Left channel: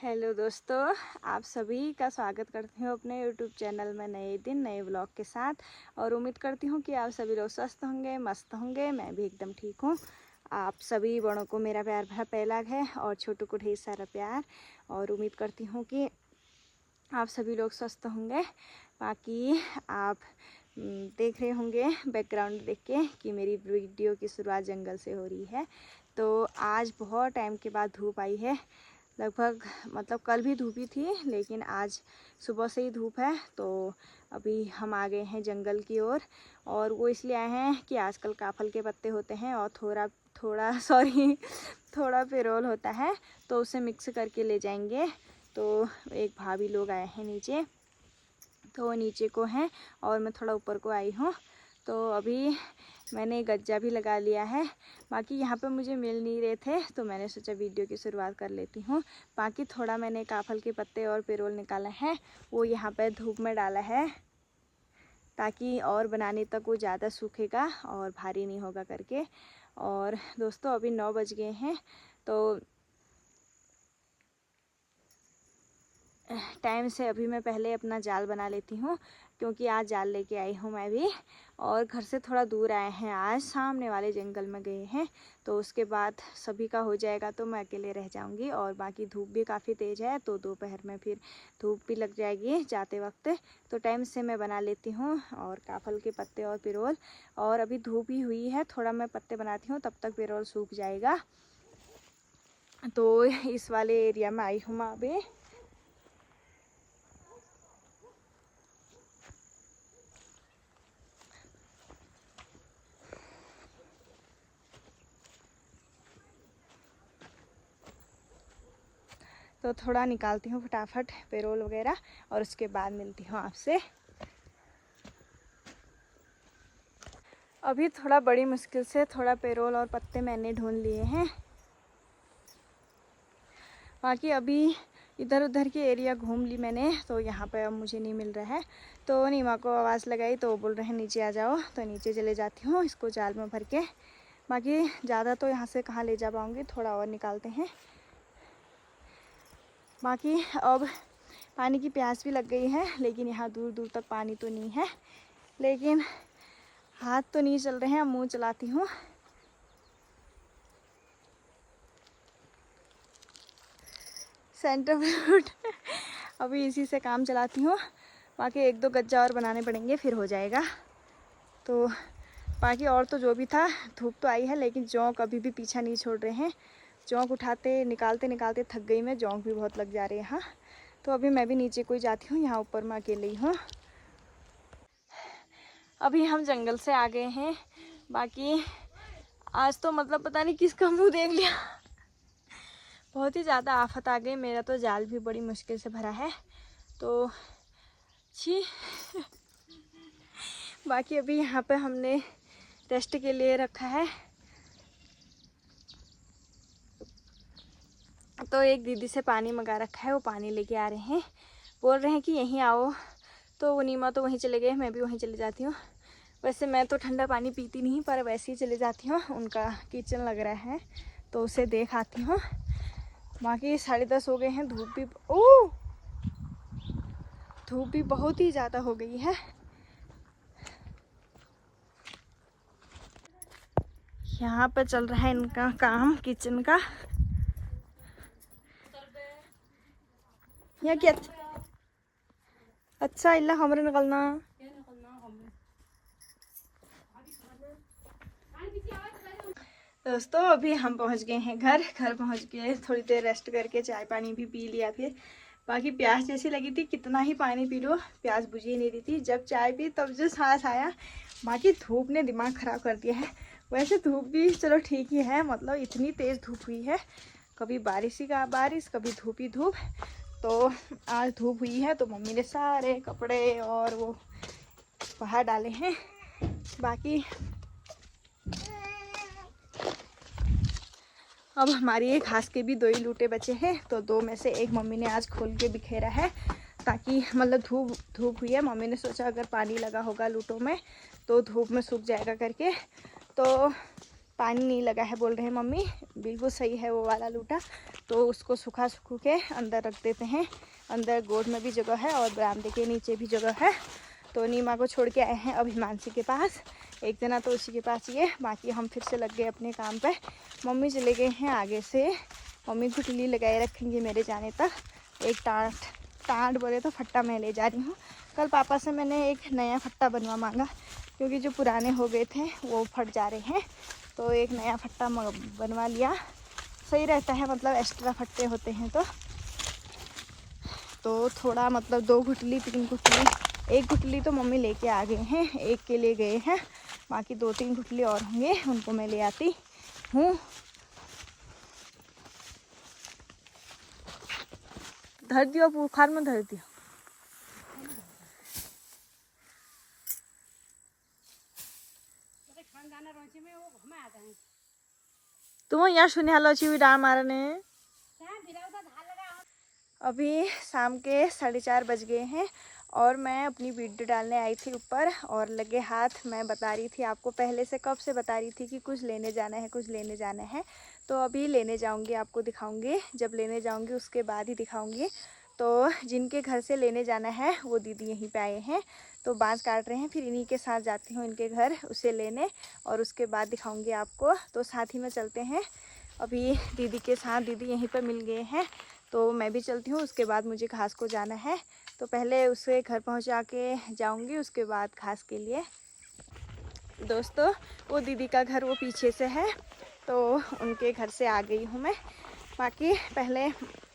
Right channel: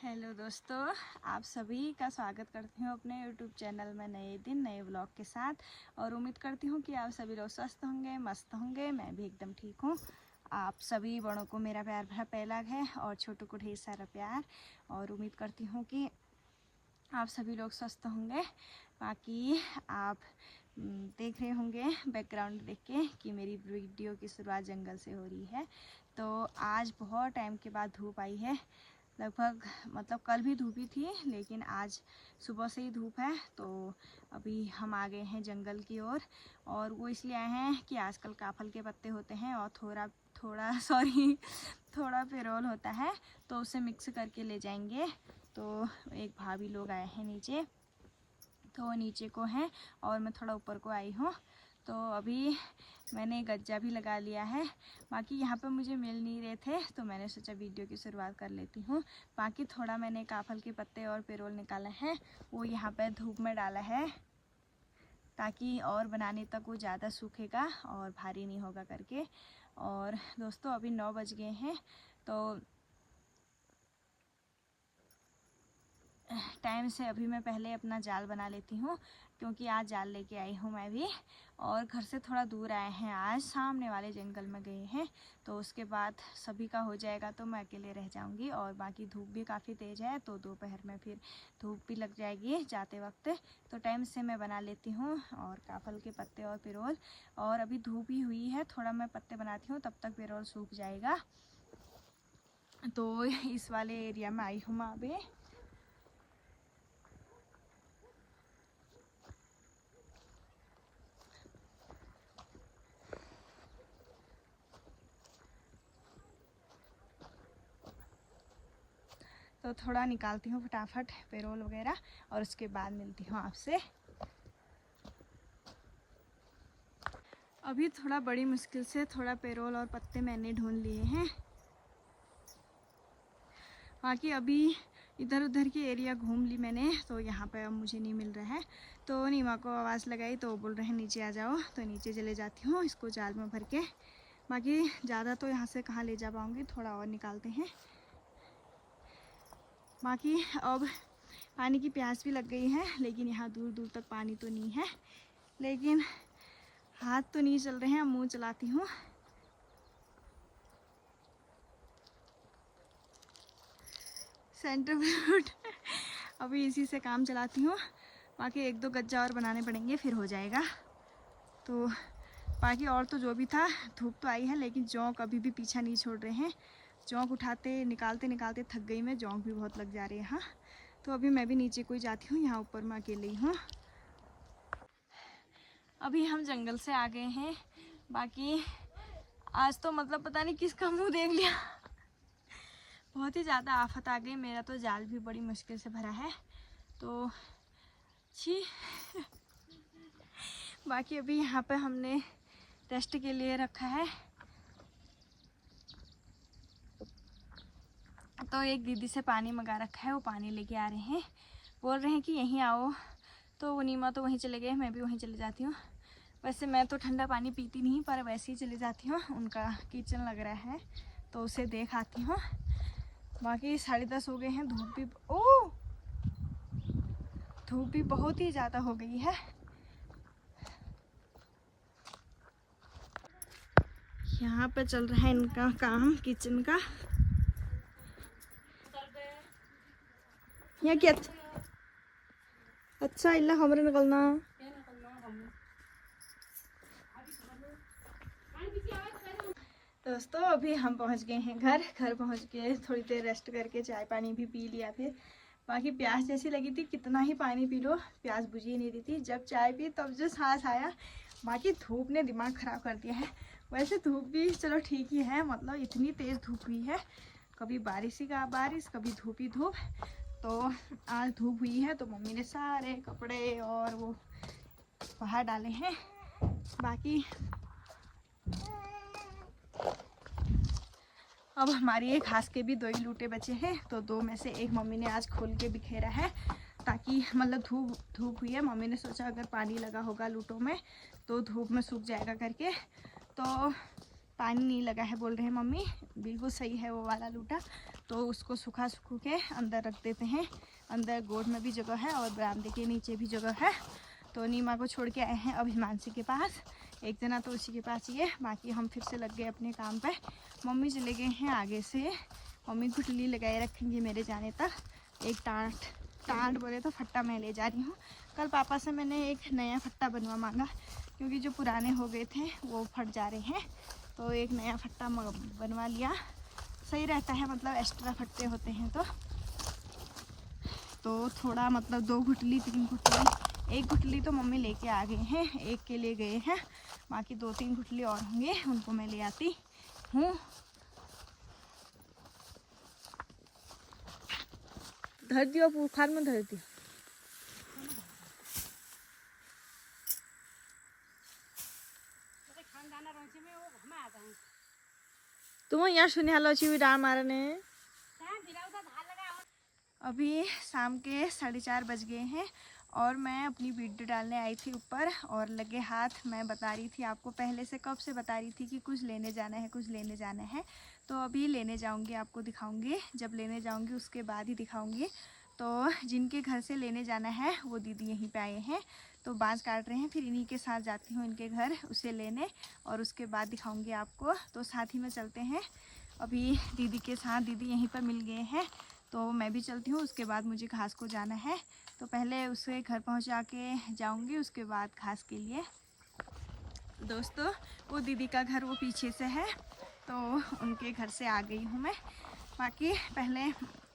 Hello दोस्तों, आप सभी का स्वागत करती हूँ अपने यूट्यूब चैनल में नए दिन नए व्लॉग के साथ। और उम्मीद करती हूँ कि आप सभी लोग स्वस्थ होंगे, मस्त होंगे। मैं भी एकदम ठीक हूँ। आप सभी बड़ों को मेरा प्यार भरा पहला है और छोटों को ढेर सारा प्यार। और उम्मीद करती हूँ कि आप सभी लोग स्वस्थ होंगे। बाकी आप देख रहे होंगे बैकग्राउंड देख के कि मेरी वीडियो की शुरुआत जंगल से हो रही है। तो आज बहुत टाइम के बाद धूप आई है। लगभग मतलब कल भी धूप ही थी, लेकिन आज सुबह से ही धूप है। तो अभी हम आ गए हैं जंगल की ओर। और वो इसलिए आए हैं कि आजकल काफल के पत्ते होते हैं और थोड़ा पेरोल होता है, तो उसे मिक्स करके ले जाएंगे। तो एक भाभी लोग आए हैं नीचे, तो वो नीचे को हैं और मैं थोड़ा ऊपर को आई हूँ। तो अभी मैंने गज्जा भी लगा लिया है। बाकी यहाँ पे मुझे मिल नहीं रहे थे, तो मैंने सोचा वीडियो की शुरुआत कर लेती हूँ। बाकी थोड़ा मैंने काफल के पत्ते और पेरोल निकाला है, वो यहाँ पे धूप में डाला है ताकि और बनाने तक वो ज़्यादा सूखेगा और भारी नहीं होगा करके। और दोस्तों अभी 9 बज गए हैं, तो टाइम से अभी मैं पहले अपना जाल बना लेती हूँ, क्योंकि आज जाल लेके आई हूँ मैं भी। और घर से थोड़ा दूर आए हैं, आज सामने वाले जंगल में गए हैं। तो उसके बाद सभी का हो जाएगा तो मैं अकेले रह जाऊँगी। और बाकी धूप भी काफ़ी तेज़ है, तो दोपहर में फिर धूप भी लग जाएगी जाते वक्त। तो टाइम से मैं बना लेती हूँ और काफल के पत्ते और पिरोल। और अभी धूप ही हुई है, थोड़ा मैं पत्ते बनाती हूँ, तब तक पिरोल सूख जाएगा। तो इस वाले एरिया में आई हूँ मैं अभी। तो थोड़ा निकालती हूँ फटाफट पेरोल वगैरह, और उसके बाद मिलती हूँ आपसे। अभी थोड़ा बड़ी मुश्किल से थोड़ा पेरोल और पत्ते मैंने ढूंढ लिए हैं। बाकी अभी इधर उधर की एरिया घूम ली मैंने, तो यहाँ पे अब मुझे नहीं मिल रहा है। तो नीमा को आवाज़ लगाई तो बोल रहे हैं नीचे आ जाओ, तो नीचे चले जाती हूँ इसको जाल में भर के। बाकी ज़्यादा तो यहाँ से कहाँ ले जा पाऊँगी, थोड़ा और निकालते हैं। बाकी अब पानी की प्यास भी लग गई है, लेकिन यहाँ दूर दूर तक पानी तो नहीं है। लेकिन हाथ तो नहीं चल रहे हैं, मुंह चलाती हूँ। सेंटर फ्रूट अभी इसी से काम चलाती हूँ। बाकी 1-2 गज्जा और बनाने पड़ेंगे, फिर हो जाएगा। तो बाकी और तो जो भी था, धूप तो आई है, लेकिन जौंक अभी भी पीछा नहीं छोड़ रहे हैं। जौंक उठाते निकालते निकालते थक गई मैं, जौंक भी बहुत लग जा रहे हैं यहाँ। तो अभी मैं भी नीचे को ही जाती हूँ, यहाँ ऊपर मैं अकेले ही हूँ। अभी हम जंगल से आ गए हैं। बाकी आज तो मतलब पता नहीं किसका मुँह देख लिया बहुत ही ज़्यादा आफत आ गई। मेरा तो जाल भी बड़ी मुश्किल से भरा है, तो छी बाकी अभी यहाँ पे हमने टेस्ट के लिए रखा है। तो एक दीदी से पानी मंगा रखा है, वो पानी लेके आ रहे हैं। बोल रहे हैं कि यहीं आओ, तो वो नीमा तो वहीं चले गए, मैं भी वहीं चले जाती हूँ। वैसे मैं तो ठंडा पानी पीती नहीं, पर वैसे ही चले जाती हूँ। उनका किचन लग रहा है, तो उसे देख आती हूँ। बाकी 10:30 हो गए हैं। धूप भी बहुत ही ज़्यादा हो गई है। यहाँ पे चल रहा है इनका काम किचन का। यहाँ क्या अच्छा इल्ला हमरे निकलना। दोस्तों अभी हम पहुँच गए हैं घर पहुँच के थोड़ी देर रेस्ट करके चाय पानी भी पी लिया। फिर बाकी प्यास जैसी लगी थी, कितना ही पानी पी लो प्यास बुझ ही नहीं रही थी। जब चाय पी तब जो सांस आया। बाकी धूप ने दिमाग ख़राब कर दिया है। वैसे धूप भी चलो ठीक ही है, मतलब इतनी तेज़ धूप हुई है, कभी बारिश ही का बारिश, कभी धूप ही धूप। तो आज धूप हुई है, तो मम्मी ने सारे कपड़े और वो बाहर डाले हैं। बाकी अब हमारी एक घास के भी 2 ही लूटे बचे हैं, तो 2 में से एक मम्मी ने आज खोल के बिखेरा है, ताकि मतलब धूप हुई है। मम्मी ने सोचा अगर पानी लगा होगा लूटों में तो धूप में सूख जाएगा करके। तो पानी नहीं लगा है बोल रहे हैं मम्मी। बिल्कुल सही है वो वाला लूटा, तो उसको सूखा के अंदर रख देते हैं। अंदर गोद में भी जगह है और बरामदे के नीचे भी जगह है। तो नीमा को छोड़ के आए हैं अब हिमांशी के पास। एक जना तो उसी के पास ही है, बाकी हम फिर से लग गए अपने काम पे। मम्मी चले गए हैं आगे से। मम्मी गुटली लगाए रखेंगे मेरे जाने तक। एक टाट बोले तो फट्टा मैं ले जा रही हूँ। कल पापा से मैंने एक नया फट्टा बनवा मांगा, क्योंकि जो पुराने हो गए थे वो फट जा रहे हैं। तो एक नया फट्टा बनवा लिया, सही रहता है, मतलब एक्स्ट्रा फट्टे होते हैं तो थोड़ा मतलब 2 गुटली 3 गुटली, 1 गुटली तो मम्मी लेके आ गए हैं, एक के लिए गए हैं। बाकी 2-3 गुटली और होंगे, उनको मैं ले आती हूँ। धर दियो, बुखार में धर दियो। तुम यहाँ सुने हालो छी डाल मारने। अभी शाम के 4:30 बज गए हैं और मैं अपनी वीडियो डालने आई थी ऊपर, और लगे हाथ मैं बता रही थी आपको, पहले से कब से बता रही थी कि कुछ लेने जाना है, कुछ लेने जाना है। तो अभी लेने जाऊंगी, आपको दिखाऊंगी। जब लेने जाऊंगी उसके बाद ही दिखाऊंगी। तो जिनके घर से लेने जाना है वो दीदी यहीं पे आए हैं, तो बाँस काट रहे हैं। फिर इन्हीं के साथ जाती हूँ इनके घर उसे लेने, और उसके बाद दिखाऊंगी आपको। तो साथ ही में चलते हैं अभी दीदी के साथ। दीदी यहीं पर मिल गए हैं, तो मैं भी चलती हूँ। उसके बाद मुझे घास को जाना है, तो पहले उसे घर पहुँचा के जाऊँगी, उसके बाद घास के लिए। दोस्तों वो दीदी का घर वो पीछे से है, तो उनके घर से आ गई हूँ मैं। बाकी पहले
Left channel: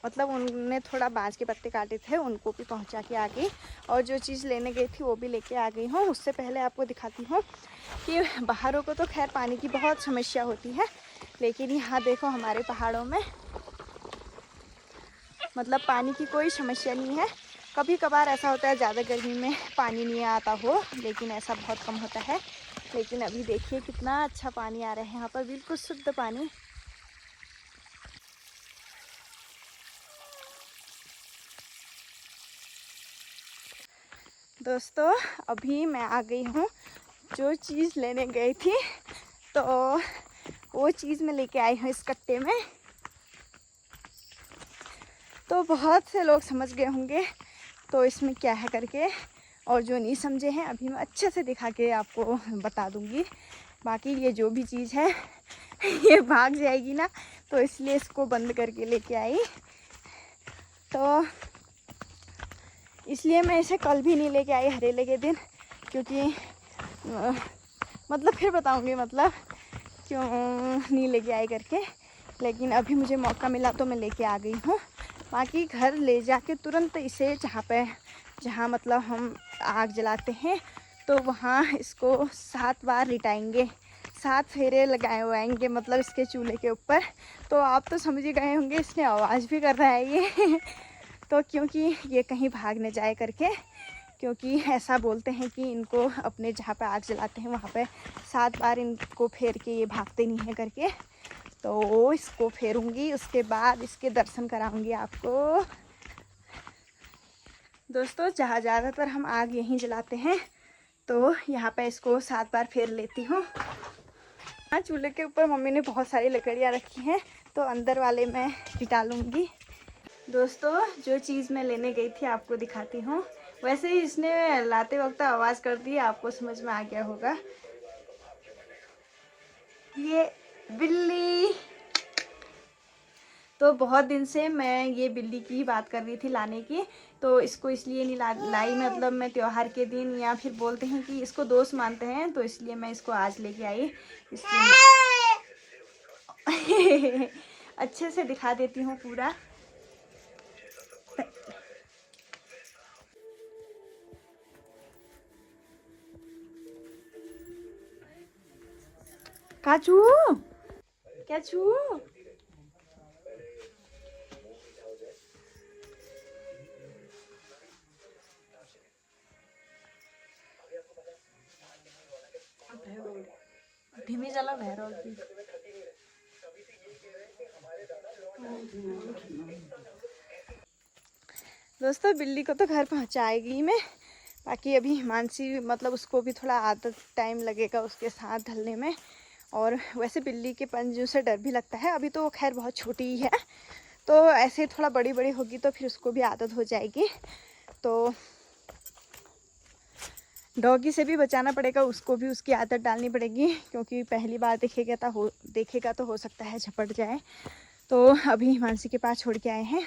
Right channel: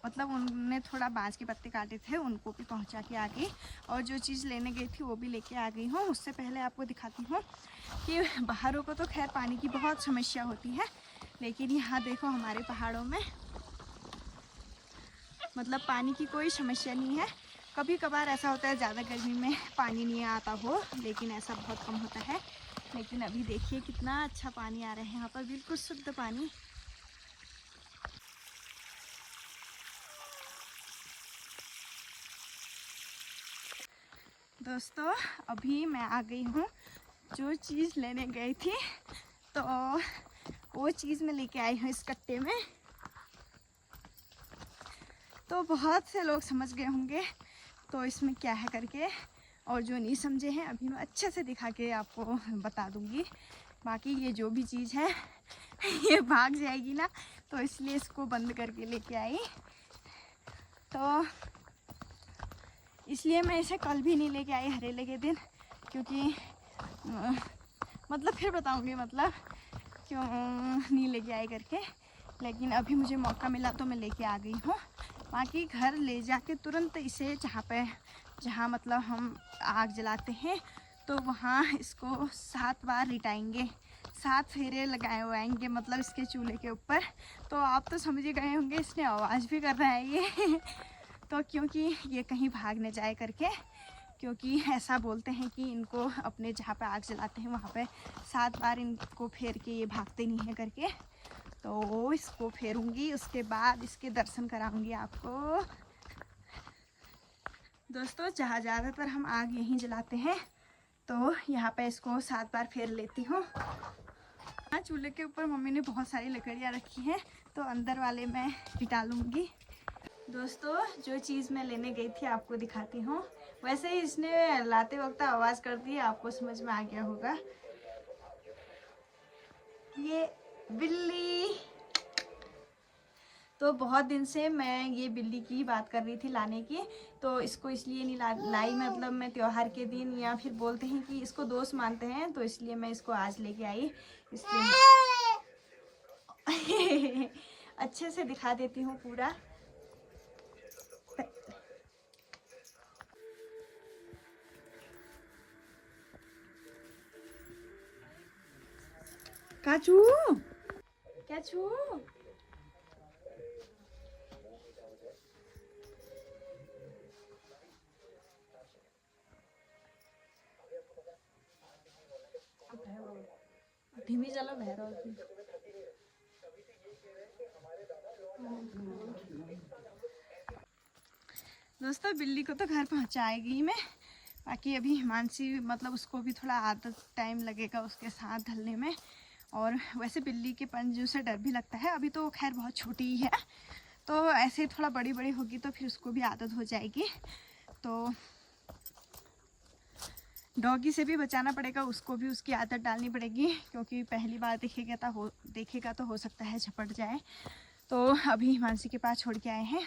मतलब उनने थोड़ा बाँस के पत्ते काटे थे, उनको भी पहुंचा के आ गई, और जो चीज़ लेने गई थी वो भी लेके आ गई हूँ। उससे पहले आपको दिखाती हूँ कि बाहरों को तो खैर पानी की बहुत समस्या होती है, लेकिन यहाँ देखो हमारे पहाड़ों में मतलब पानी की कोई समस्या नहीं है। कभी कभार ऐसा होता है ज़्यादा गर्मी में पानी नहीं आता हो, लेकिन ऐसा बहुत कम होता है। लेकिन अभी देखिए कितना अच्छा पानी आ रहा है यहाँ पर, बिल्कुल शुद्ध पानी। दोस्तों अभी मैं आ गई हूँ जो चीज़ लेने गई थी, तो वो चीज़ मैं लेके आई हूँ इस कट्टे में। तो बहुत से लोग समझ गए होंगे तो इसमें क्या है करके, और जो नहीं समझे हैं अभी मैं अच्छे से दिखा के आपको बता दूंगी। बाकी ये जो भी चीज़ है ये भाग जाएगी ना, तो इसलिए इसको बंद करके लेके आई। तो इसलिए मैं इसे कल भी नहीं लेके आई हरेले के दिन, क्योंकि मतलब फिर बताऊंगी मतलब क्यों नहीं लेके आई करके। लेकिन अभी मुझे मौका मिला तो मैं लेके आ गई हूँ। बाकी घर ले जाके तुरंत इसे जहाँ मतलब हम आग जलाते हैं, तो वहाँ इसको 7 बार लिटाएंगे, 7 फेरे लगाए हुए आएंगे मतलब इसके चूल्हे के ऊपर। तो आप तो समझ ही गए होंगे इसने आवाज़ भी कर रहा है ये तो क्योंकि ये कहीं भाग न जाए करके, क्योंकि ऐसा बोलते हैं कि इनको अपने जहाँ पे आग जलाते हैं वहाँ पे 7 बार इनको फेर के ये भागते नहीं हैं करके। तो इसको फेरूंगी, उसके बाद इसके दर्शन कराऊंगी आपको। दोस्तों जहाँ ज़्यादातर हम आग यहीं जलाते हैं, तो यहाँ पे इसको 7 बार फेर लेती हूँ। चूल्हे के ऊपर मम्मी ने बहुत सारी लकड़ियाँ रखी हैं, तो अंदर वाले मैं डालूंगी। दोस्तों जो चीज़ मैं लेने गई थी आपको दिखाती हूँ। वैसे ही इसने लाते वक्त आवाज़ कर दी, आपको समझ में आ गया होगा। ये बिल्ली, तो बहुत दिन से मैं ये बिल्ली की बात कर रही थी लाने की, तो इसको इसलिए नहीं लाई मतलब मैं त्योहार के दिन, या फिर बोलते हैं कि इसको दोस्त मानते हैं, तो इसलिए मैं इसको आज लेके आई। इसलिए अच्छे से दिखा देती हूँ पूरा। काचू क्या छू धीमी चला भैरव की। दोस्तों बिल्ली को तो घर पहुंचाएगी मैं, बाकी अभी हिमांशी मतलब उसको भी थोड़ा आदत टाइम लगेगा उसके साथ ढलने में। और वैसे बिल्ली के पंजों से डर भी लगता है। अभी तो खैर बहुत छोटी ही है, तो ऐसे थोड़ा बड़ी बड़ी होगी तो फिर उसको भी आदत हो जाएगी। तो डॉगी से भी बचाना पड़ेगा, उसको भी उसकी आदत डालनी पड़ेगी, क्योंकि पहली बार देखेगा तो हो सकता है झपट जाए। तो अभी हिमांशी के पास छोड़ के आए हैं,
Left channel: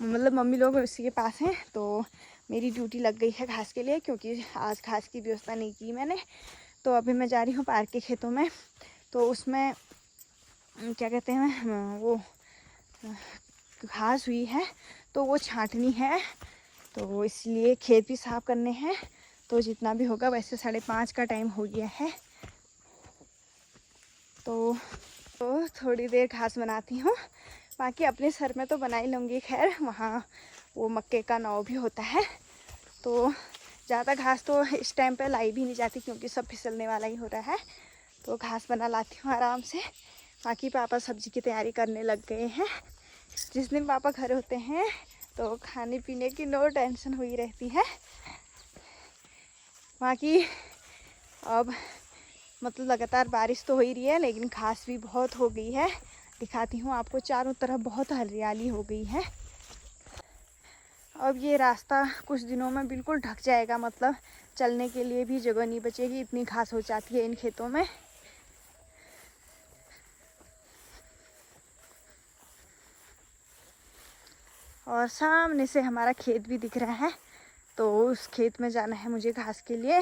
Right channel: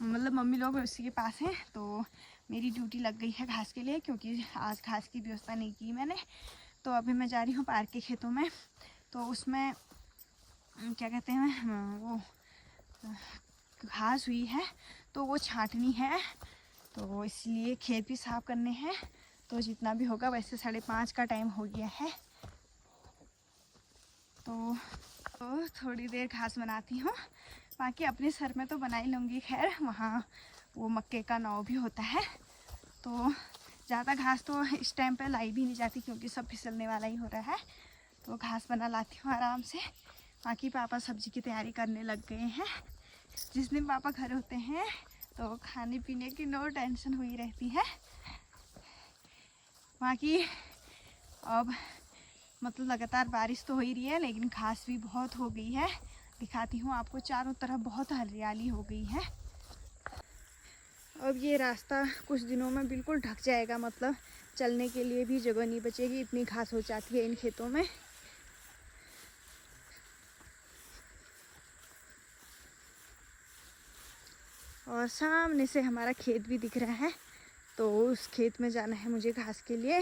मतलब मम्मी लोग उसी के पास हैं। तो मेरी ड्यूटी लग गई है घास के लिए, क्योंकि आज घास की व्यवस्था नहीं की मैंने। तो अभी मैं जा रही हूँ पार्क के खेतों में। तो उसमें क्या कहते हैं, वो घास हुई है तो वो छांटनी है, तो इसलिए खेत भी साफ करने हैं। तो जितना भी होगा, वैसे 5:30 का टाइम हो गया है। तो थोड़ी देर घास बनाती हूँ, बाकी अपने सर में तो बना ही लूँगी। खैर वहाँ वो मक्के का नाव भी होता है, तो ज़्यादा घास तो इस टाइम पे लाई भी नहीं जाती, क्योंकि सब फिसलने वाला ही हो रहा है। तो घास बना लाती हूँ आराम से। बाकी पापा सब्जी की तैयारी करने लग गए हैं। जिस दिन पापा घर होते हैं तो खाने पीने की नो टेंशन हुई रहती है। बाकी अब मतलब लगातार बारिश तो हो ही रही है, लेकिन घास भी बहुत हो गई है। दिखाती हूँ आपको, चारों तरफ बहुत हरियाली हो गई है। अब ये रास्ता कुछ दिनों में बिल्कुल ढक जाएगा, मतलब चलने के लिए भी जगह नहीं बचेगी, इतनी घास हो जाती है इन खेतों में। और सामने से हमारा खेत भी दिख रहा है, तो उस खेत में जाना है मुझे घास के लिए।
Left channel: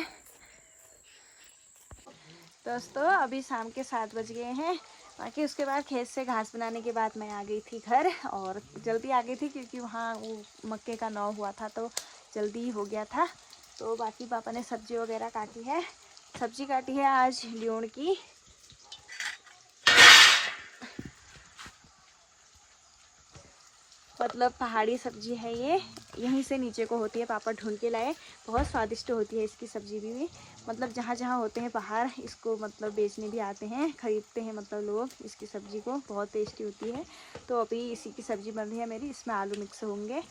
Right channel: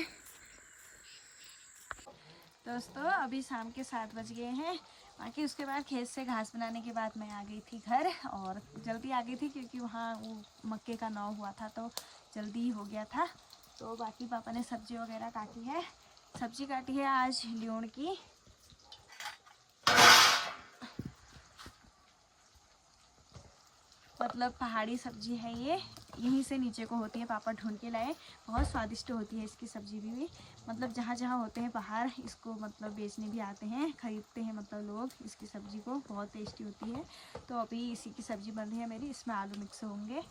दोस्तों अभी शाम के 7 बज गए हैं। बाकी उसके बाद खेत से घास बनाने के बाद मैं आ गई थी घर, और जल्दी आ गई थी क्योंकि वहाँ वो मक्के का नाव हुआ था, तो जल्दी ही हो गया था। तो बाकी पापा ने सब्जी वगैरह काटी है। सब्जी काटी है आज ल्यूण की, मतलब पहाड़ी सब्जी है ये, यहीं से नीचे को होती है, पापा ढूंढ के लाए। बहुत स्वादिष्ट होती है इसकी सब्जी भी। मतलब जहाँ जहाँ होते हैं पहाड़, इसको मतलब बेचने भी आते हैं, ख़रीदते हैं मतलब लोग इसकी सब्ज़ी को, बहुत टेस्टी होती है। तो अभी इसी की सब्ज़ी बन रही है मेरी, इसमें आलू मिक्स होंगे।